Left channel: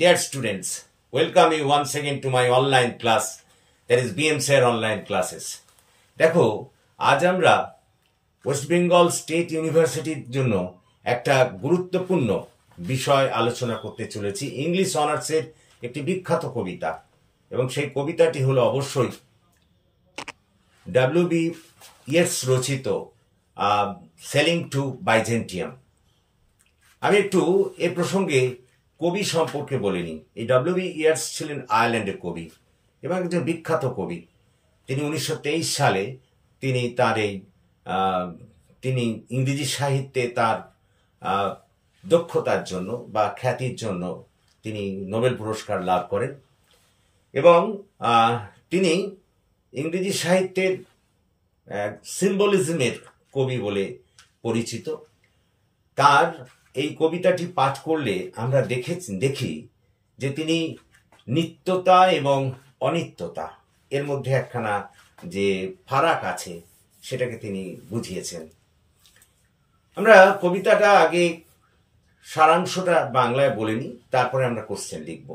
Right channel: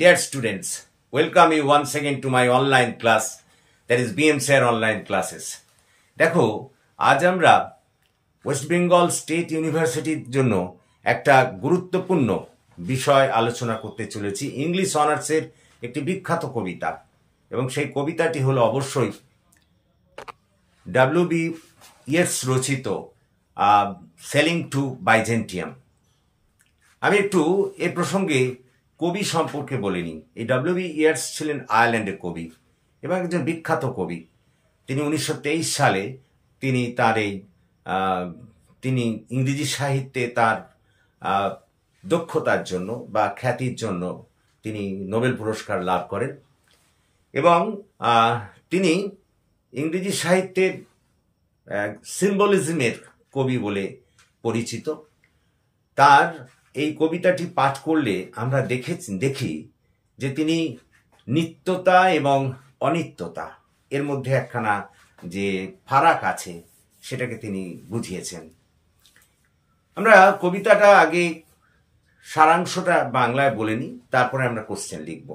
Dear students, welcome you once again to my online class, that is BM Sir online classes. দেখো আজ আমরা ওয়েস্ট বেঙ্গল স্টেট ইউনিভার্সিটির জন্য একটা গুরুত্বপূর্ণ বিষয় আলোচনা করতে চলেছি। ইংলিশ অনার্সের একটি বিখ্যাত কবিতা, এবং সেই কবিতাটি হলো অবশ্যই W.B. Yeats রচিত সেলিং টু বাইজেন্টিয়াম। আমি একটু এ প্রসঙ্গে কবি সম্পর্কে বলে নিই। এই W.B. Yeats ছিলেন আয়ারল্যান্ডের কবি এবং একজন বিখ্যাত কবি। তিনি 1923 সালে তিনি ইংরেজি সাহিত্যে তার দক্ষতার জন্য বা খ্যাতির জন্য তিনি নোবেল পুরস্কার লাভ করেন, এবং তিনি ইংরেজি সাহিত্যের সিম্বলিজমের কবি বলে পরিচিত। তার এই কবিতাটি পাঠ করলে আমরা দেখি যে তিনি নিত্যতা এবং অনিত্যতা এর মধ্যে একখানা যে ফারাক আছে সেটাকে তিনি বুঝিয়েছেন। আমরা কবিতাটা আগে সারাংশটা বাংলায় বলে নিই, তারপরে আমরা কোশ্চেন লিখব।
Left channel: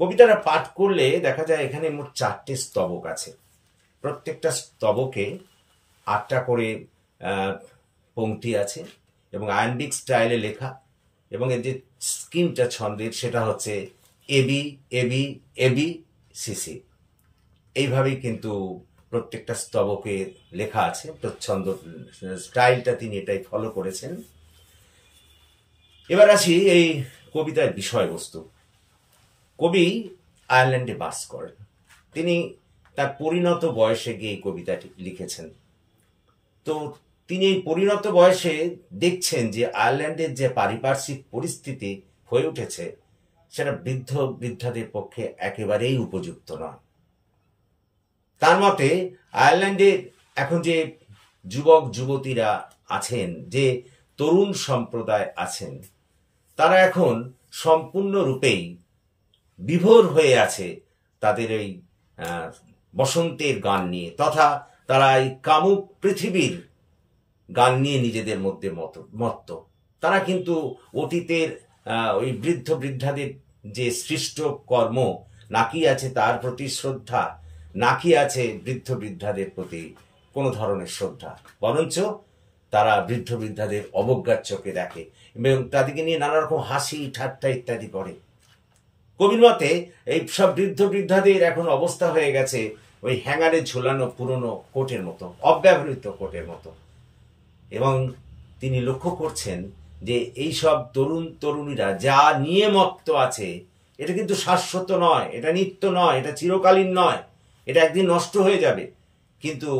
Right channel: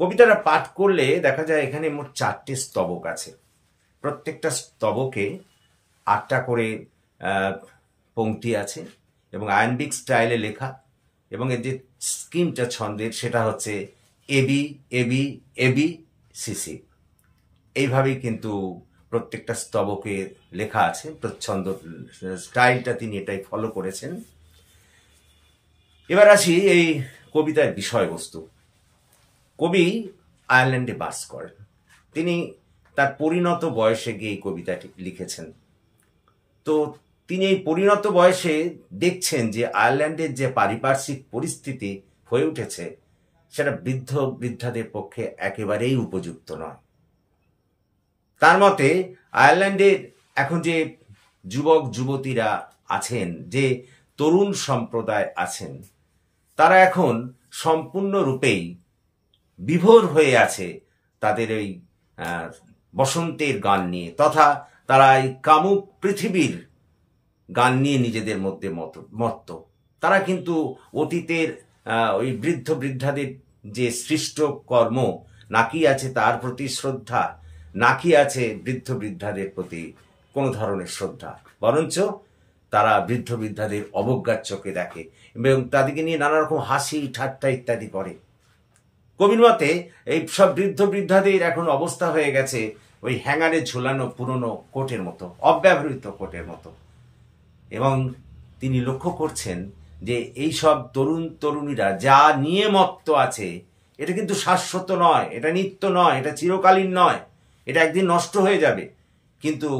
কবিতাটা পাঠ করলে দেখা যায় এখানে মোট 4টে স্তবক আছে। প্রত্যেকটা স্তবকে 8টা করে পংক্তি আছে এবং আয়াম্বিক স্টাইলে লেখা, এবং এর যে স্কিমটা ছন্দের সেটা হচ্ছে এবি এবি এবি সিসি। এইভাবেই কিন্তু প্রত্যেকটা স্তবকে লেখা আছে। ছন্দ স্টাইলটা তিনি এটাই ফলো করেছেন। এবার আসি এই কবিতার বিষয়বস্তু। কবি আয়ারল্যান্ডে বাস করেন। তিনি তার পরিণত বয়সে গিয়ে এই কবিতাটি লিখেছেন। তো তিনি এই পরিণত বয়সে দেখছেন যে আয়ারল্যান্ডের যে পারিপার্শ্বিক পরিস্থিতি হয়ে উঠেছে সেটা বৃদ্ধ বৃদ্ধাদের পক্ষে একেবারেই উপযুক্ত নয়। তার মতে আয়ারল্যান্ডের এখন যে যুবক যুবতীরা আছেন, যে তরুণ সম্প্রদায় আছেন, তারা এখন সম্পূর্ণরূপেই বিভোর হয়ে আছে তাদের এই বসন্তের গান নিয়ে, তথা তারা এই কামুক পৃথিবীর গান নিয়ে নিজেদের মধ্যে মত্ত। তারা কিন্তু অতীতের ওই বৃদ্ধ বৃদ্ধাদের যে সৃষ্ট কর্ম, নাকি আছে তার প্রতি শ্রদ্ধা, নাকি আছে বৃদ্ধ বৃদ্ধাদের প্রতি কোনো ধরনের শ্রদ্ধা, বরঞ্চ তারা বৃদ্ধ বৃদ্ধাদের অবজ্ঞার চোখে দেখে এবং তাদেরকে নিয়ে নানা রকম হাসি ঠাট্টা ইত্যাদি করে। কবির মতে এই সব বৃদ্ধ বৃদ্ধাদের এখন অবস্থা হয়ে গেছে ওই হ্যাঙ্গারে ঝুলানো পুরনো কোটের মতো, অব্যবহৃত কোটের মতো। এবং তিনি লক্ষ্য করছেন যে এই সব তরুণ তরুণীরা যা নিয়ে মত্ত আছে এটা কিন্তু শাশ্বত নয়, এটা নিত্য নয়, এটা চিরকালীন নয়, এটা একদিন নষ্ট হয়ে যাবে। কিন্তু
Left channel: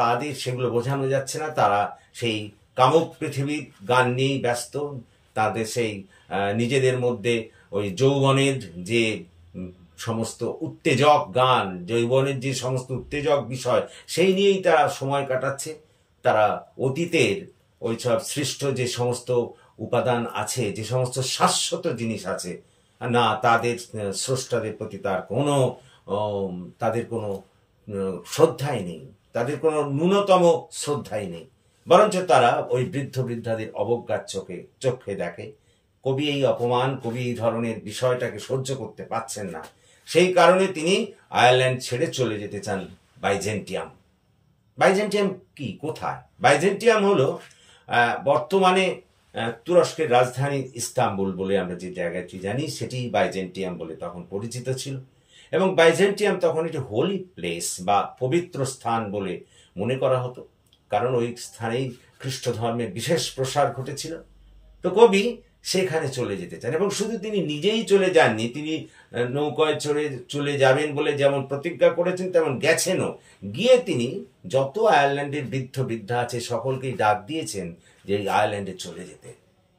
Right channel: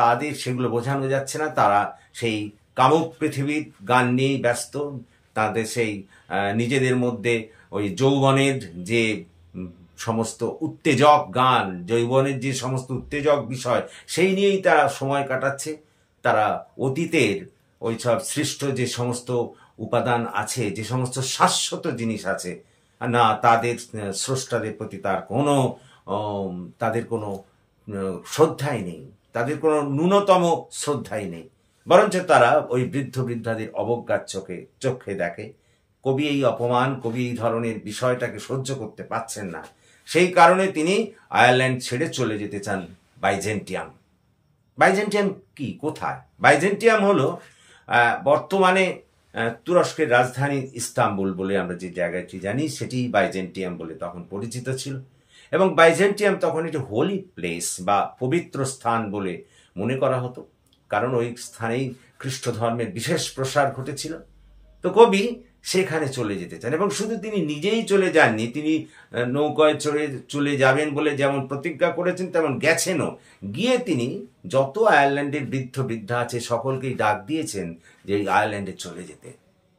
তাদের সেগুলো বোঝানো যাচ্ছে না। তারা সেই কামুক পৃথিবীর গান নিয়েই ব্যস্ত। তাদের সেই নিজেদের মধ্যে ওই যৌবনের যে সমস্ত উত্তেজক গান, যৌবনের যে সমস্ত উত্তেজক বিষয়, সেই নিয়েই তারা সময় কাটাচ্ছে। তারা অতীতের ওই সব সৃষ্ট যে সমস্ত উপাদান আছে, যে সমস্ত শাশ্বত জিনিস আছে, না তাদের স্রষ্টাদের প্রতি তাদের কোনো শ্রদ্ধাই নেই, তাদের কোনো ন্যূনতম শ্রদ্ধাই নেই, বরঞ্চ তারা ওই বৃদ্ধ বৃদ্ধাদের অবজ্ঞার চোখে দেখে। কবি এই অপমান, কবি এই ধরনের বিষয়টাকে সহ্য করতে পারছেন না। সেই কারণে তিনি আয়ারল্যান্ড ছেড়ে চলে যেতে চান বাইজেন্টিয়াম। বাইজেন্টিয়াম কি, কোথায়? বাইজেন্টিয়াম হলো বর্তমানে তুরস্কের রাজধানী ইস্তাম্বুল বলে আমরা যে জায়গাটি জানি, সেটি বাইজেন্টিয়াম বলে তখন পরিচিত ছিল। এবং বাইজেন্টিয়াম তখন একটি হোলি প্লেস বা পবিত্র স্থান বলে মনে করা হতো, কারণ ওই স্থানেই খ্রিস্ট ধর্মের বিশেষ প্রসার ঘটেছিল। তো কবি সেখানে চলে যেতে চান, এবং শুধু তিনি নিজেই চলে যাননি, তিনি নৌকায় চলে যাবেন বলে যেমন প্রতিজ্ঞা করেছেন তেমন গেছেনও। গিয়ে তিনি যত আয়ারল্যান্ডের বৃদ্ধ বৃদ্ধা আছে সকলকেই ডাক দিয়েছেন যে আয়ারল্যান্ডে চলে যেতে,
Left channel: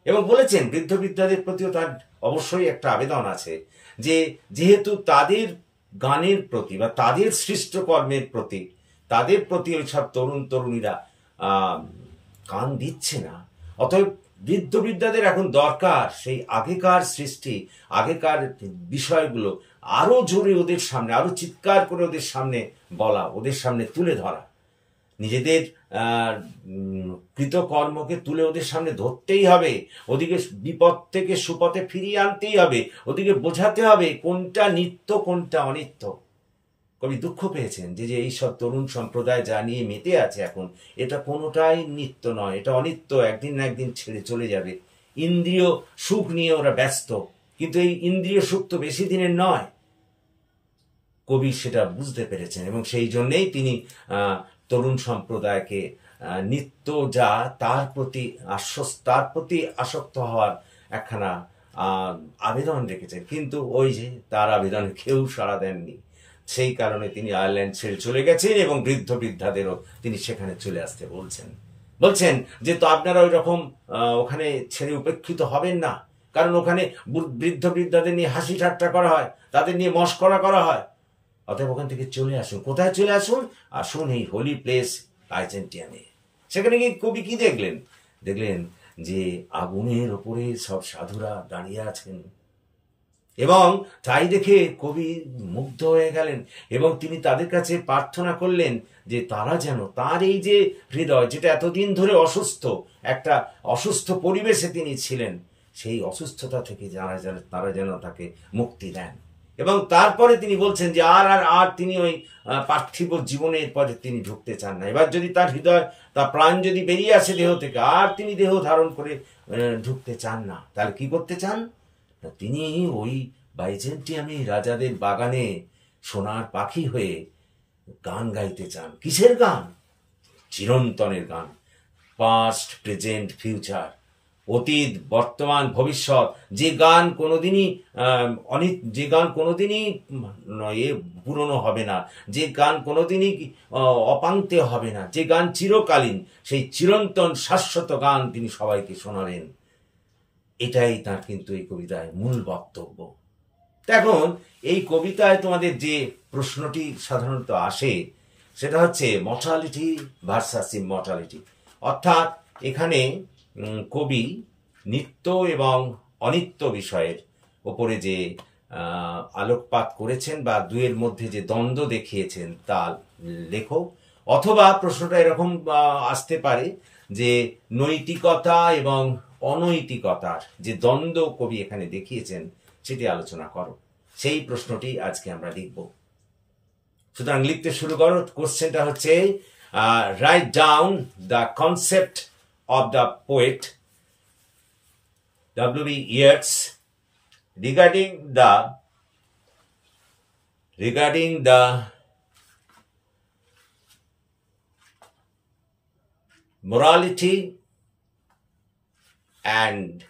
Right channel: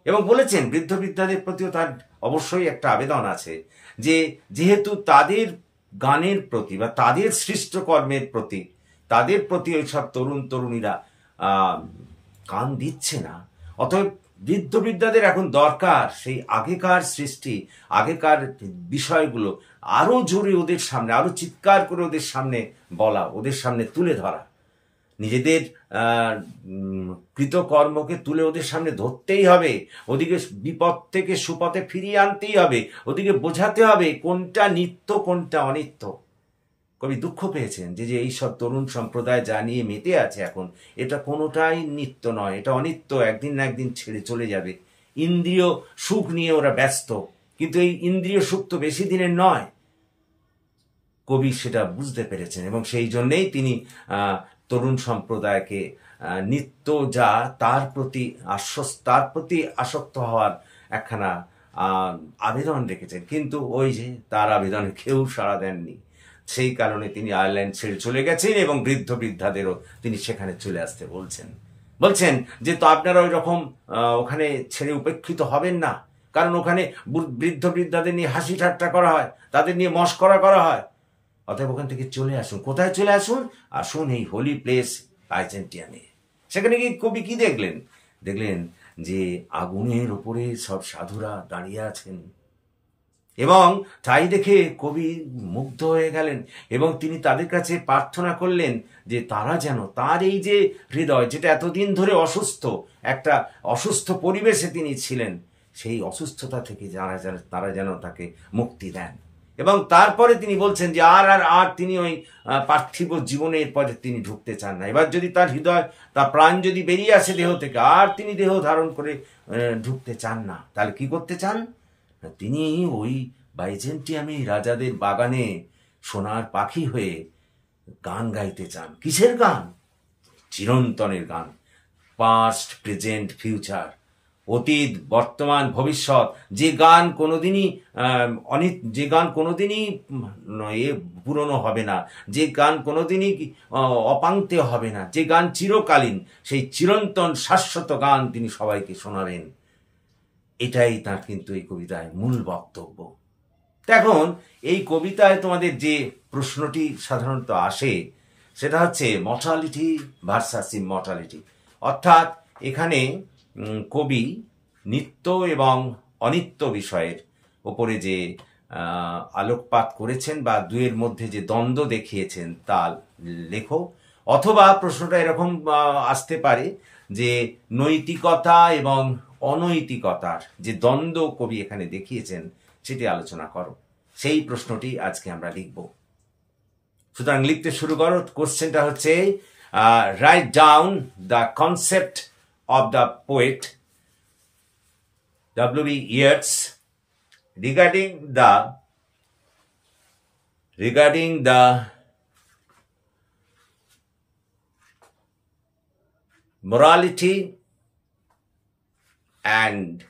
এবং বলেছেন বৃদ্ধ বৃদ্ধাদের প্রতিও তার অবশ্যই একটা আবেদন আছে যে যেহেতু তাদের গানের প্রতি বা তাদের সৃষ্ট কর্মের প্রতি তাদের প্রতি ওই সব তরুণ তরুণীরা কান দিচ্ছে না, অতএব বৃদ্ধ বৃদ্ধাদের এখন দরকার সেই আগেকার সৃষ্টি, আগেকার বিষয়গুলো আরো জোরে ওদের সামনে, আরো চিৎকার করে ওদের সামনে বলা, ওদের সামনে তুলে ধরা। নিজেদের কৃতকর্মকে তুলে ওদের সামনে ধরতেই হবে, ওদিকে বিপদ থেকে সুপথে ফিরিয়ে আনতেই হবে, ওদিকে বোঝাতে হবে কোনটা নিত্য কোনটা অনিত্য। কবি দুঃখ পেয়েছেন যে এইসব তরুণ সম্প্রদায় যা নিয়ে মেতে আছে এখন, এটা কোনোটাই নিত্য নয়, এটা অনিত্য, একদিন না একদিন ছেড়ে চলে যাবে। ইন্দ্রিয় সুখ নিয়ে ওরা ব্যস্ত, কিন্তু এই ইন্দ্রিয় সুখ তো বেশি দিনের নয়। কবি সেটা বুঝতে পেরেছেন এবং সেই জন্যেই তিনি তরুণ সম্প্রদায়কে নিত্য যা তার প্রতি আসক্ত হওয়ার একখানা আবেদন রেখেছেন। কিন্তু ওই যে তার আবেদনে কেউ সাড়া দেননি, সেই কারণে তিনি আয়ারল্যান্ড ছেড়ে চলে গেছেন এবং বৃদ্ধ বৃদ্ধাদেরও তিনি সেখানে চলে আসতে বলছেন যে তো আপনারা ওই রকম ওখানে ছেড়ে উপেক্ষিত হবেন না, কারণ ওখানে বৃদ্ধ বৃদ্ধাদের নিয়ে হাসি ঠাট্টা করা হয়, তাদের নিয়ে মস্করা করা হয়। অতএব ওখান থেকে চলে আসুন। কোথায় চলে আসুন এই হোলি প্লেস বাইজেন্টিয়ামে। সেখানে গিয়ে কবি কি দেখলেন যে আগুনের ওপরে সব সাধুরা দাঁড়িয়ে আছেন এবং তাই দেখে কবি মুগ্ধ হয়ে গেলেন এবং তিনি তাদের কাছে প্রার্থনা করলেন যে তারা যেন তার এই যে হৃদয়, যেটা এতদিন ধরে একটা অসুস্থ পরিবেশে তিনি ছিলেন, সেই অসুস্থতা থেকে তারা যেন তাকে মুক্তি দেন। এবং তারপরে তিনি বলছেন যে আর তিনি ওই পার্থিব জীবনের পথে তিনি ঢুকতে চান না। এবার যদি তার হৃদয়, তার প্রাণ যদি বেরিয়ে আসে দেহ থেকে, আর তিনি দেহ ধারণ করে ঢুকতে চান না, তাহলে কি করতে চান? তিনি ওই বাইজেন্টিয়ামে রাজাদের বাগানে সোনার পাখি হয়ে গান গাইতে চান। কিসের গান? চিরন্তনের গান। পাস্ট, প্রেজেন্ট, ফিউচার, অতীত, বর্তমান, ভবিষ্যৎ, যে গান কোনোদিনই পুরনো হবে না, যে গান কোনোদিনই অপাঙ্ক্তেয় হবে না, যে গান চিরকালীন, সেই চিরন্তন শাশ্বত গান তিনি সবাইকে শোনাবেন। এটাই তার কিন্তু এই কবিতায় মূল বক্তব্য। এখন এই কবিতায় তোমাদের যে প্রশ্নটি সাধারণত আসে সেটা হচ্ছে মর্টালিটি ভার্সাস ইমর্টালিটি। অর্থাৎ এখানে কবি নিত্য এবং অনিত্য বিষয়ের ওপরে যে আলোকপাত করেছেন বা দুয়ের মধ্যে যে দ্বন্দ্ব দেখিয়েছেন তা লেখো। অথবা প্রশ্নটা এরকম আসতে পারে যে নৈতিকতা এবং অনৈতিকতার যে দ্বন্দ্ব কবি এখানে দেখিয়েছেন সেটি আলোচনা করো। সেই প্রশ্নটি আজকে আমরা লিখব। সুতরাং লিখতে শুরু করো। কোশ্চেনটা হচ্ছে write down the concept of the poet W.B. Yeats regarding the morality and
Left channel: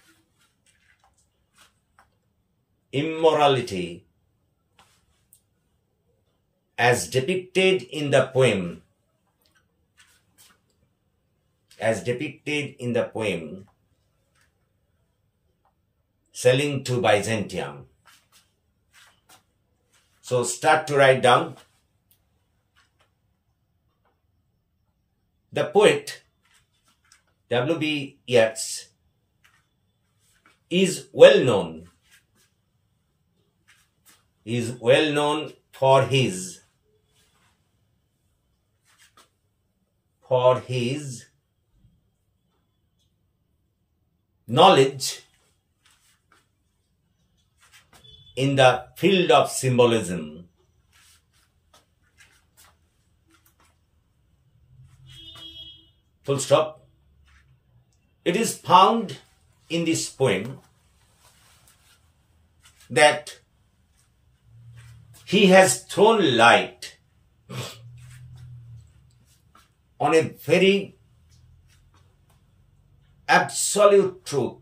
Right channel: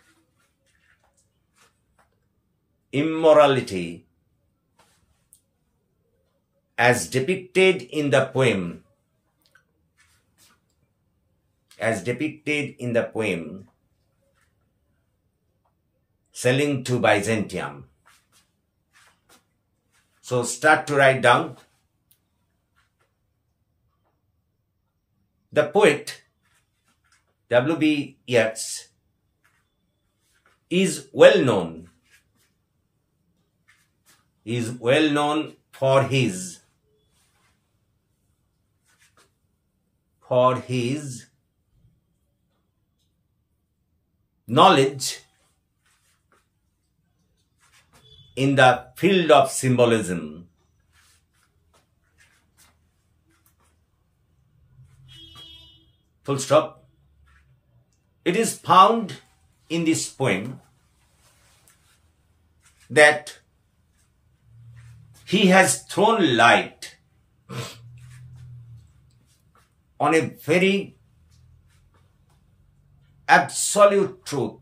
immorality as depicted in the poem Sailing to Byzantium. So start to write down. The poet W.B. Yeats is well known for his knowledge in the field of symbolism. Full stop. It is found in this poem that he has thrown light on a very absolute truth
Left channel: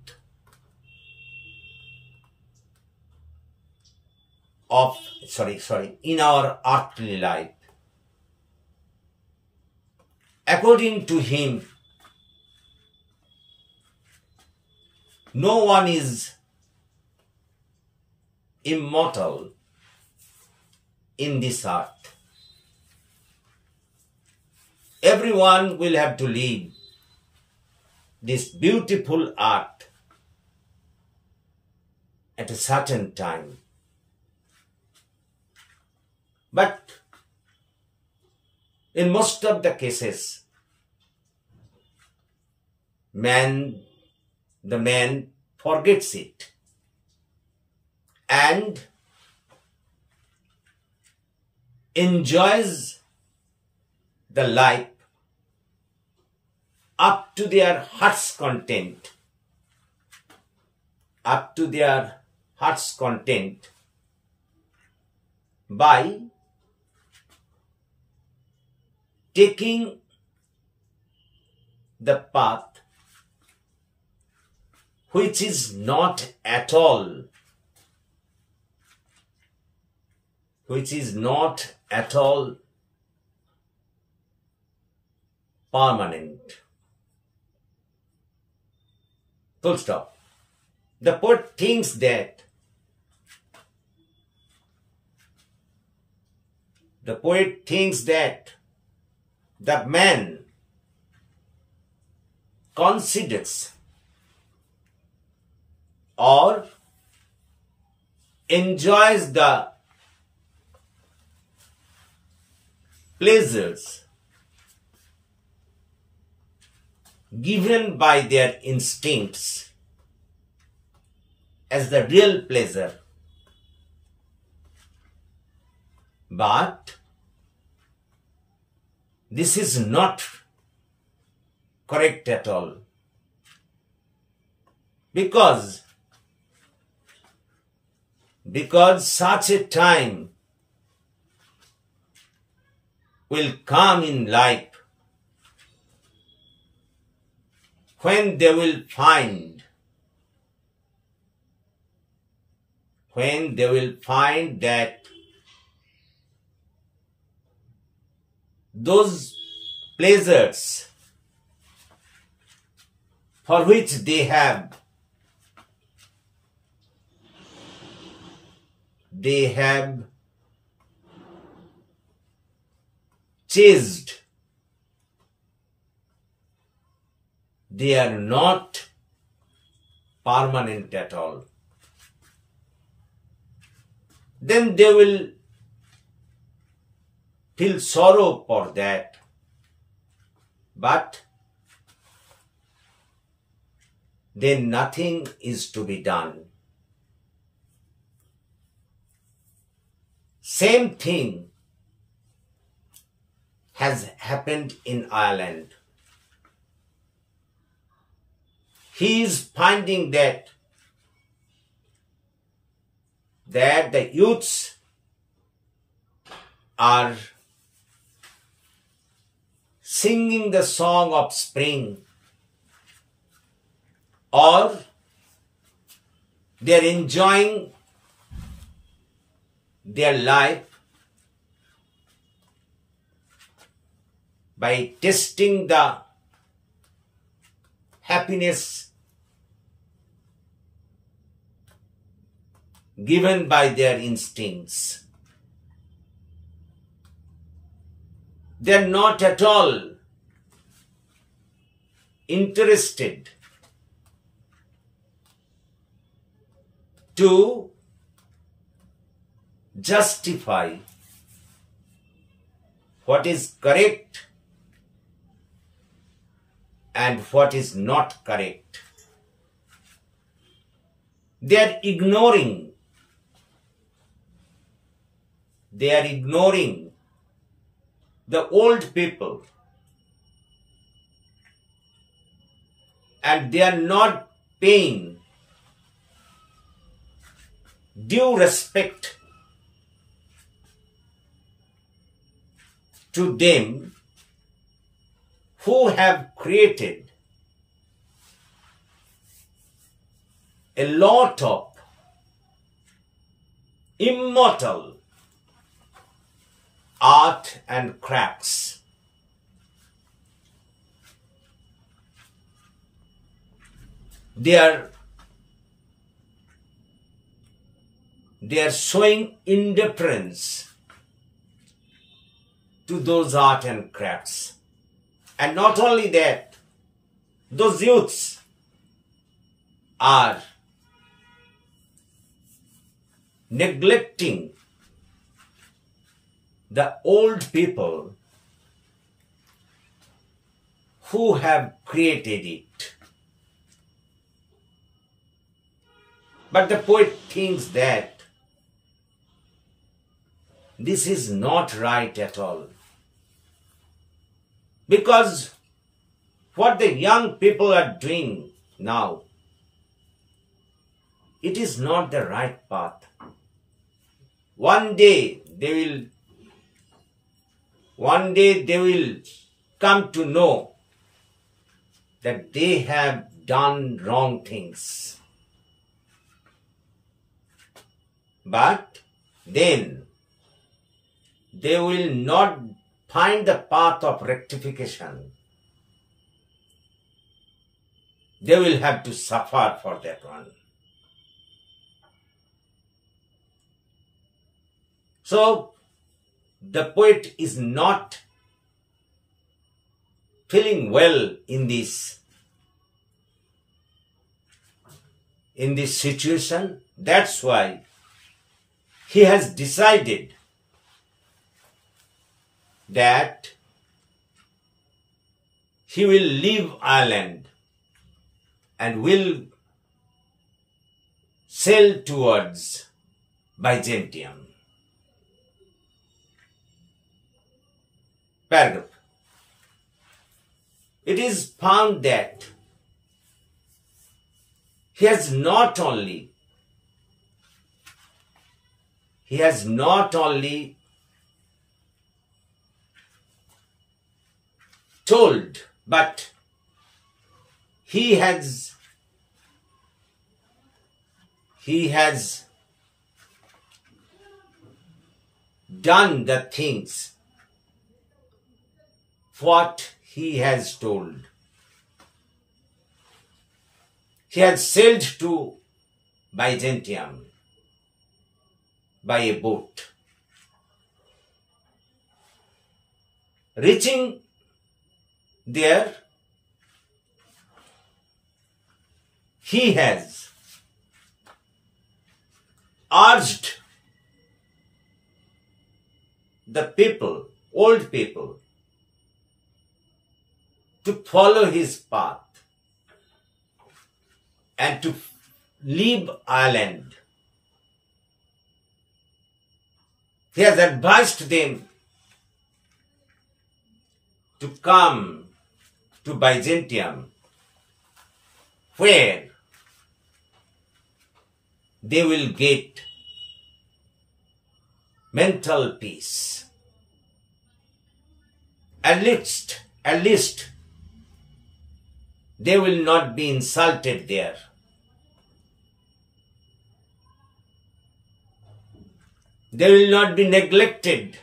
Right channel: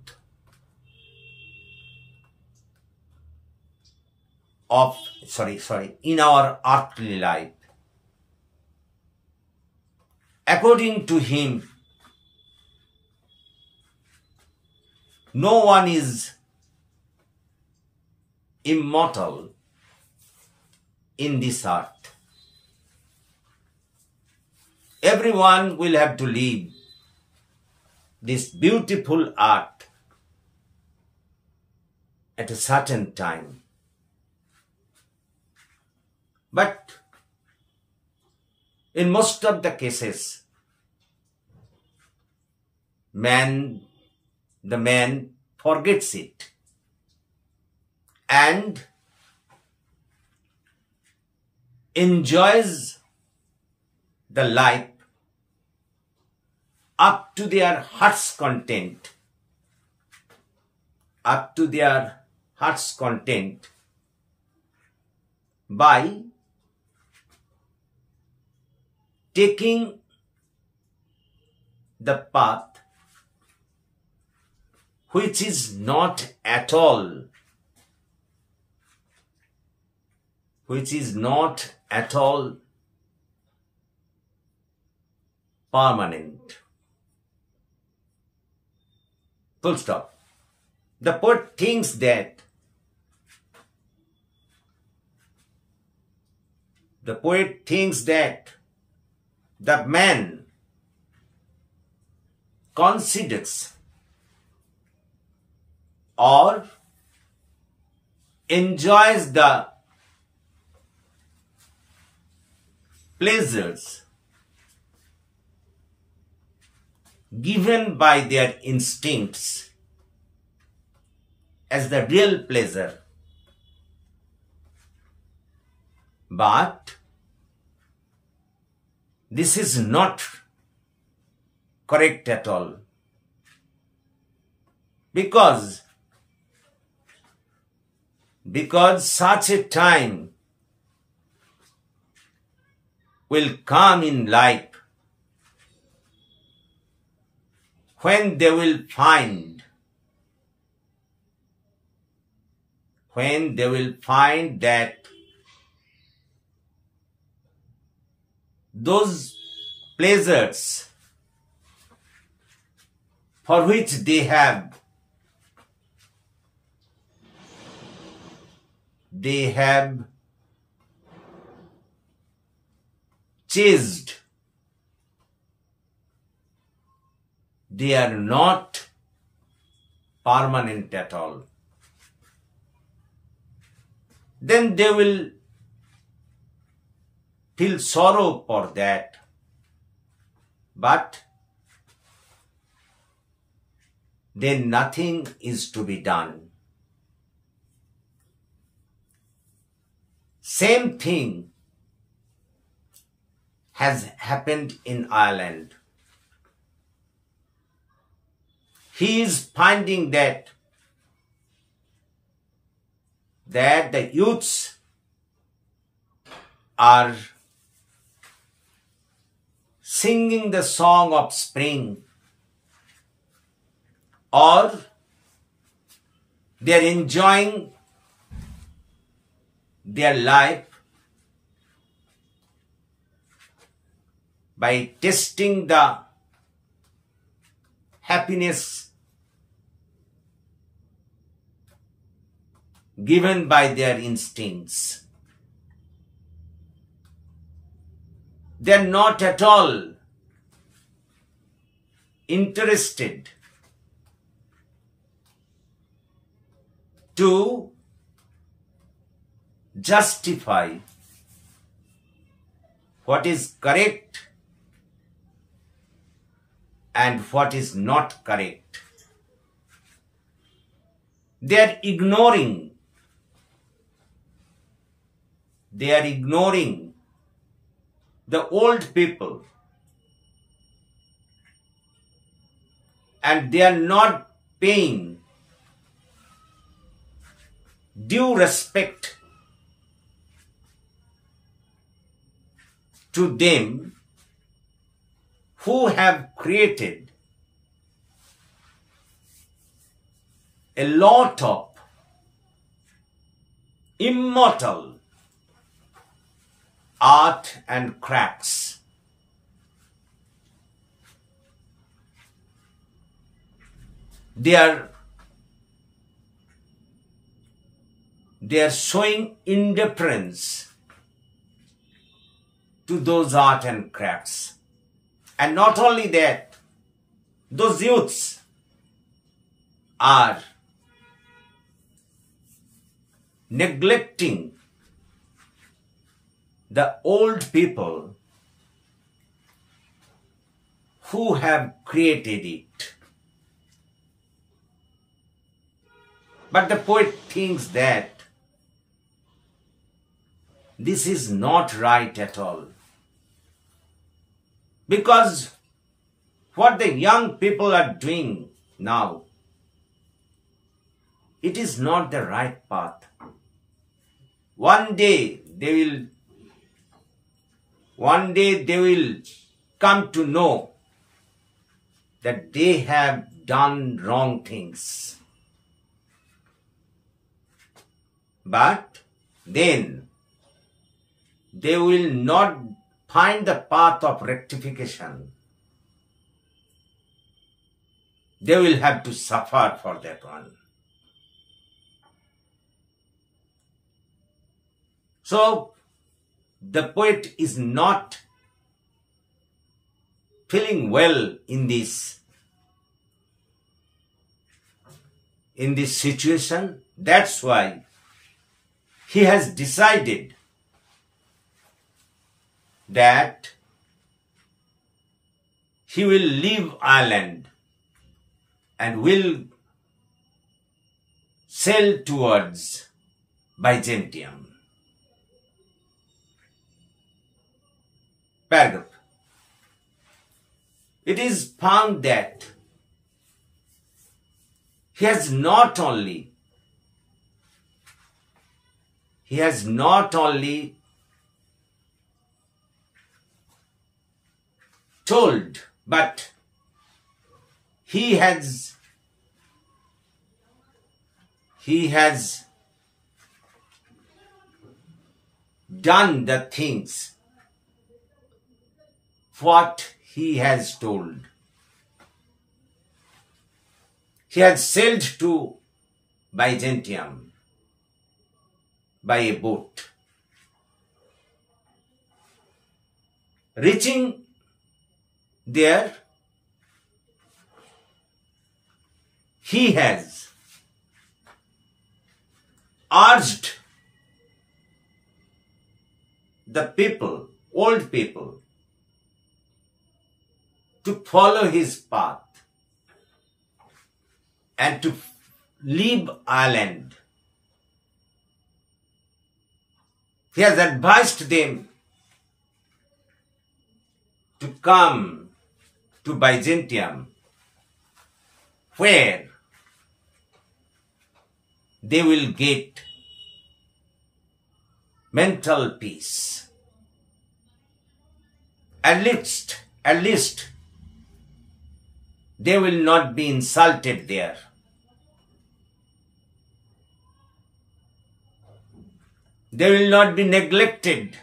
in our earthly life. According to him, no one is immortal in this earth. Everyone will have to leave this beautiful earth at a certain time. But In most of the cases, the man forgets it and enjoys the life up to their heart's content, by taking the path which is not at all permanent. Full stop. The poet thinks that the man considers or enjoys the pleasures given by their instincts as the real pleasure. But this is not correct at all, because such a time will come in life when they will find that those pleasures for which they have chased, they are not permanent at all. Then they will feel sorrow for that, but then nothing is to be done. Same thing has happened in Ireland. He is finding that the youths are singing the song of spring, or they are enjoying their life by tasting the happiness given by their instincts. They are not at all interested to justify what is correct and what is not correct. They are ignoring the old people, and they are not paying due respect to them who have created a lot of immortal art and crafts. They are showing indifference to those art and crafts. And not only that, those youths are neglecting the old people who have created it. But the poet thinks that this is not right at all. Because what the young people are doing now, it is not the right path. One day they will come to know that they have done wrong things. But then they will not find the path of rectification. They will have to suffer for that one. So, the poet is not feeling well in this situation. That's why he has decided that he will leave Ireland and will sail towards Byzantium. Paragraph. It is found that he has not only told, but he has done the things what he has told. He had sailed to Byzantium by a boat. Reaching there, he has urged the people, old people, to follow his path and to leave Ireland. He has advised them to come to Byzantium, where they will get mental peace. At least they will not be insulted there. They will not be neglected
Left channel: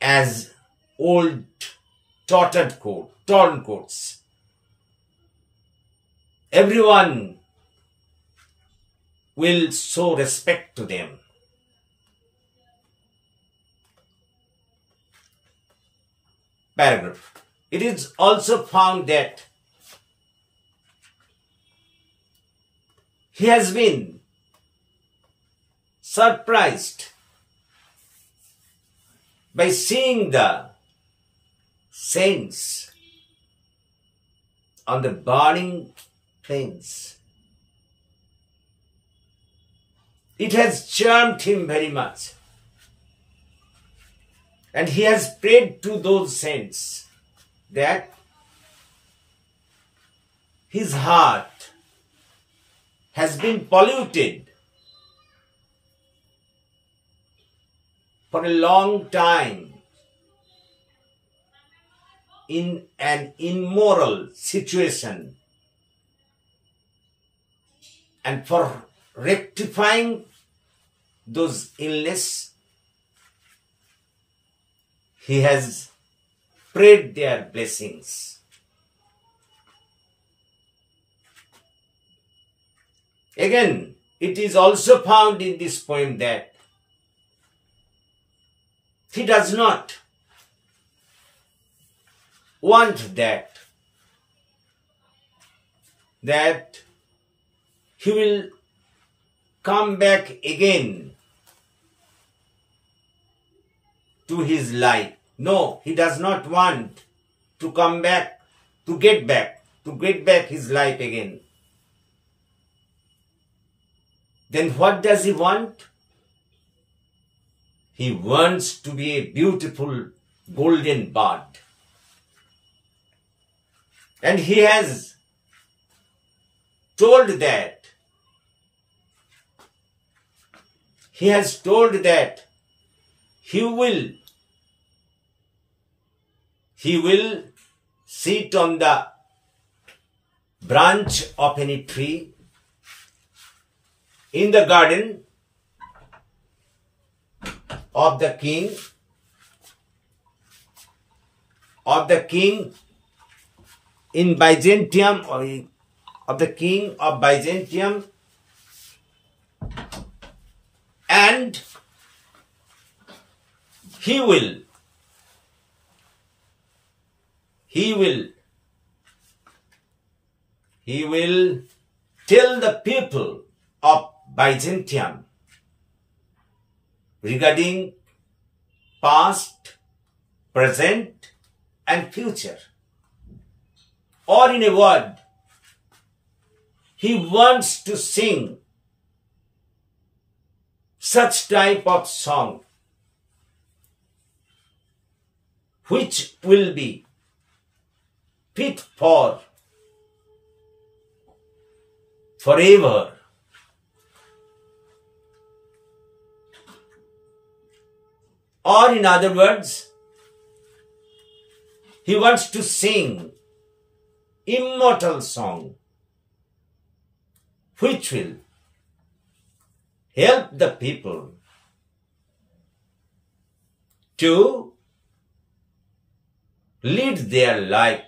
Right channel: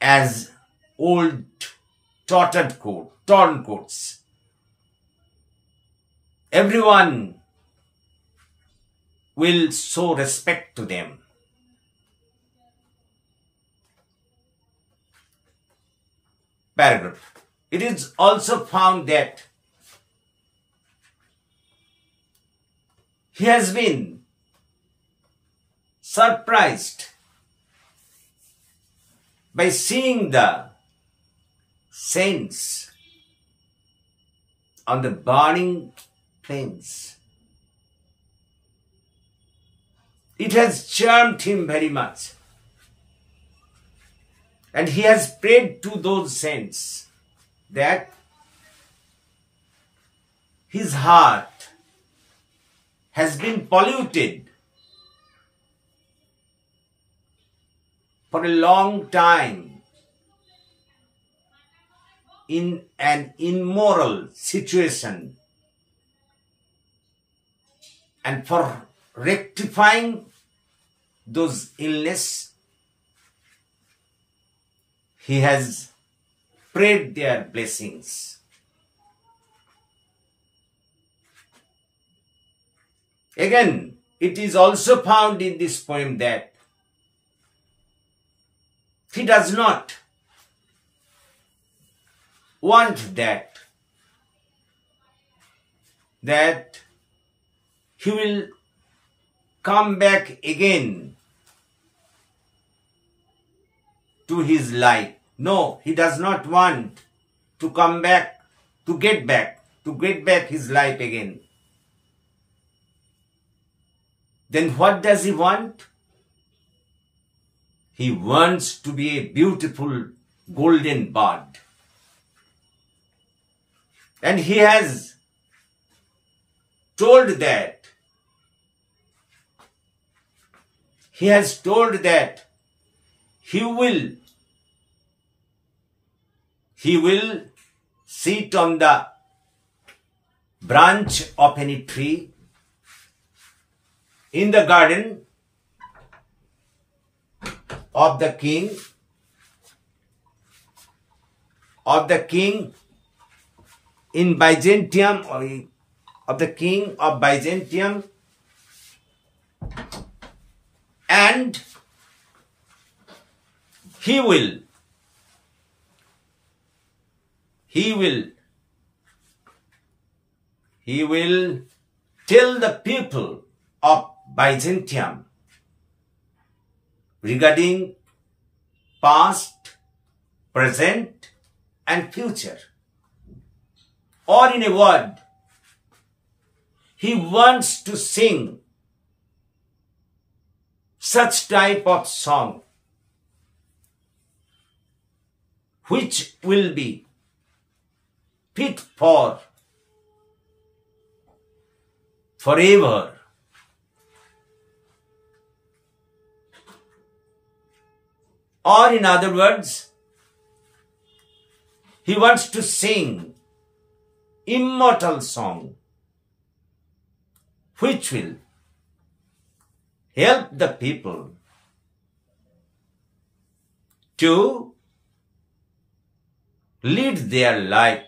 as old torn coats. Everyone will show respect to them. Paragraph. It is also found that he has been surprised by seeing the saints on the burning plains. It has charmed him very much. And he has prayed to those saints that his heart has been polluted for a long time in an immoral situation, and for rectifying those illness, he has prayed their blessings. Again, it is also found in this poem that he does not want that he will come back again to his life. No, he does not want to come back, to get back his life again. Then what does he want? He wants to be a beautiful golden bird. And he has told that he will sit on the branch of any tree in the garden of the king in Byzantium, or of the king of Byzantium, and he will tell the people of Byzantium regarding past, present, and future. Or in a word, he wants to sing such type of song which will be fit for forever. Or in other words, he wants to sing immortal song which will help the people to lead their life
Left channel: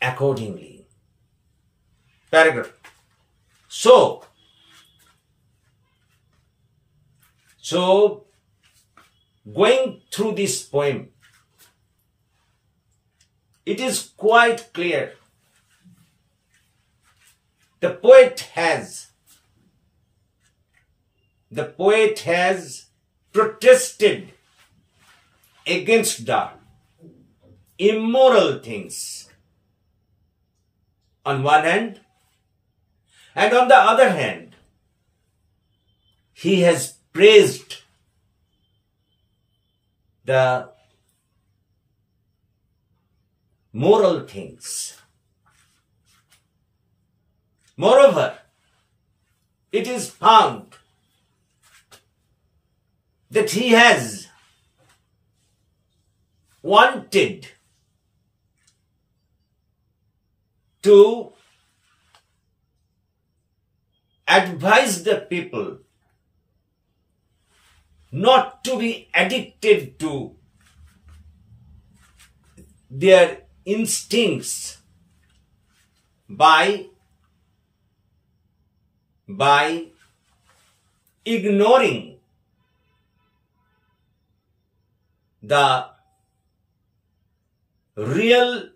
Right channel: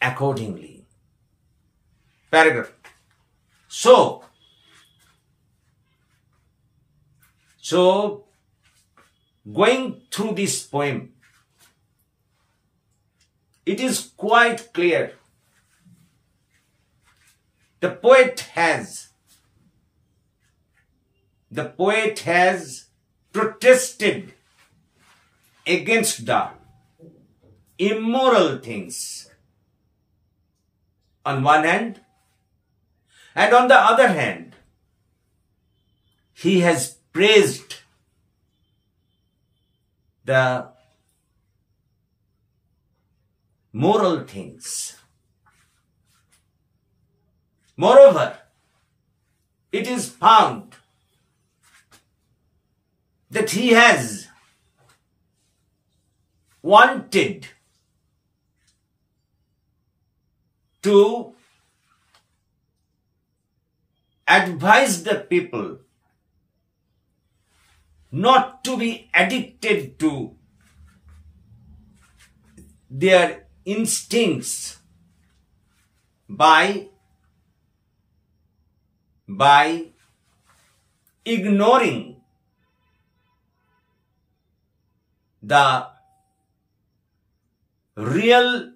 accordingly. Paragraph. So going through this poem, it is quite clear. The poet has protested against the immoral things on one hand, and on the other hand, he has praised the moral things. Moreover, it is found that he has wanted to advise the people not to be addicted to their instincts by ignoring the real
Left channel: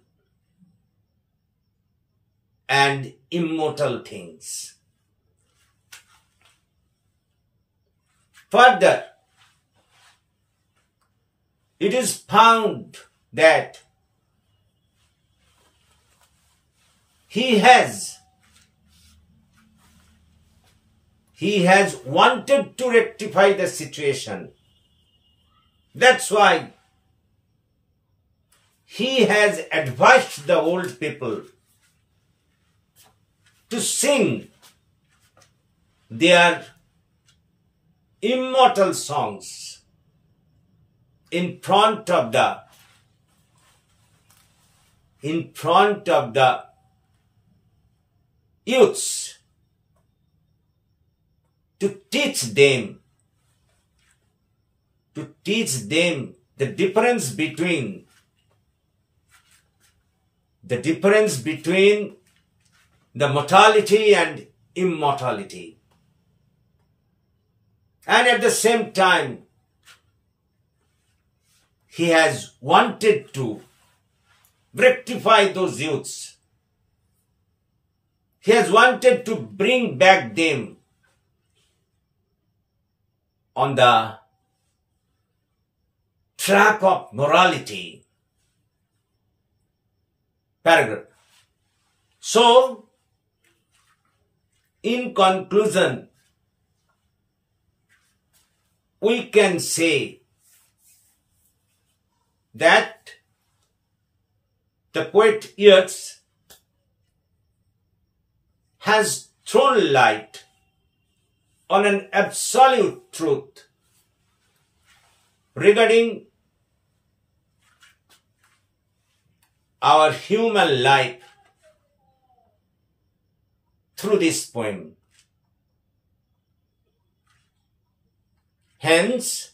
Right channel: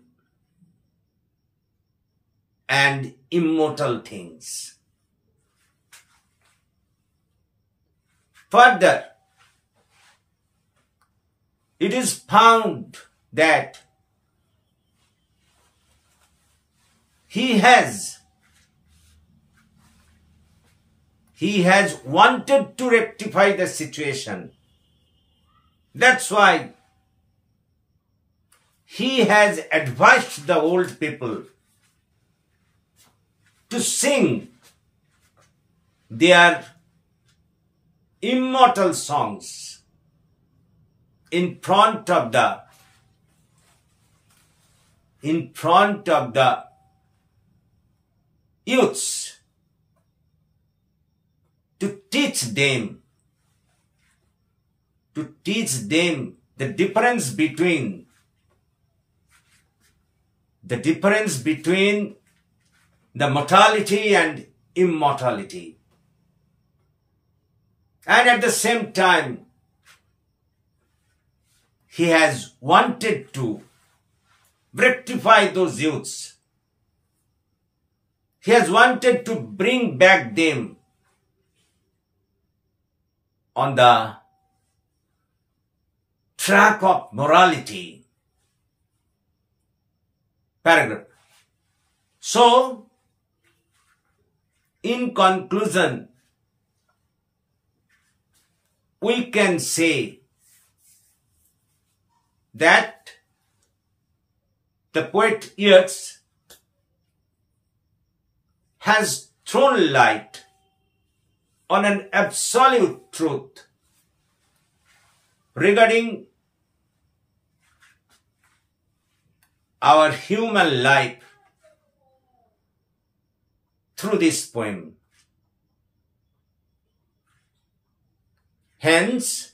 and immortal things. Further, it is found that he has wanted to rectify the situation. That's why he has advised the old people to sing their immortal songs in front of the youths, to teach them the difference between the mortality and immortality. And at the same time, he has wanted to rectify those youths. He has wanted to bring back them on the track of morality. Paragraph. So, in conclusion, we can say that the poet Yeats has thrown light on an absolute truth regarding our human life through this poem. Hence,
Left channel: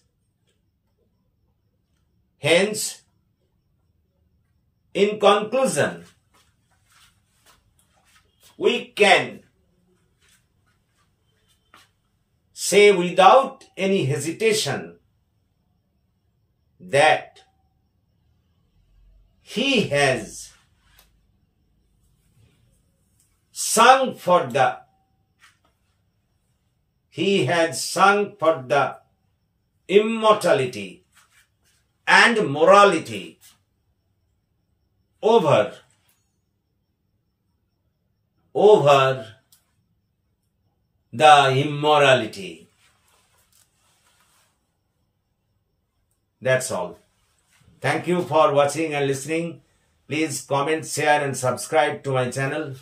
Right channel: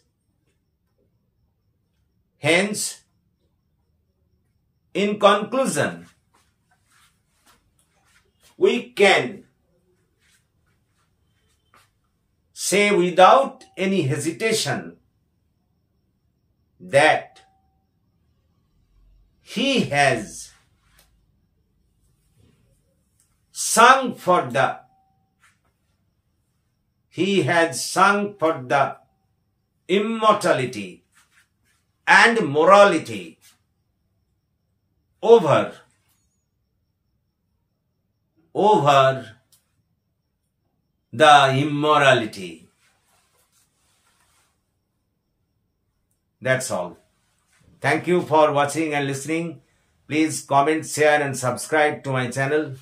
in conclusion, we can say without any hesitation that he has sung for the immortality and morality over the immorality. That's all. Thank you for watching and listening. Please comment, share and subscribe to my channel.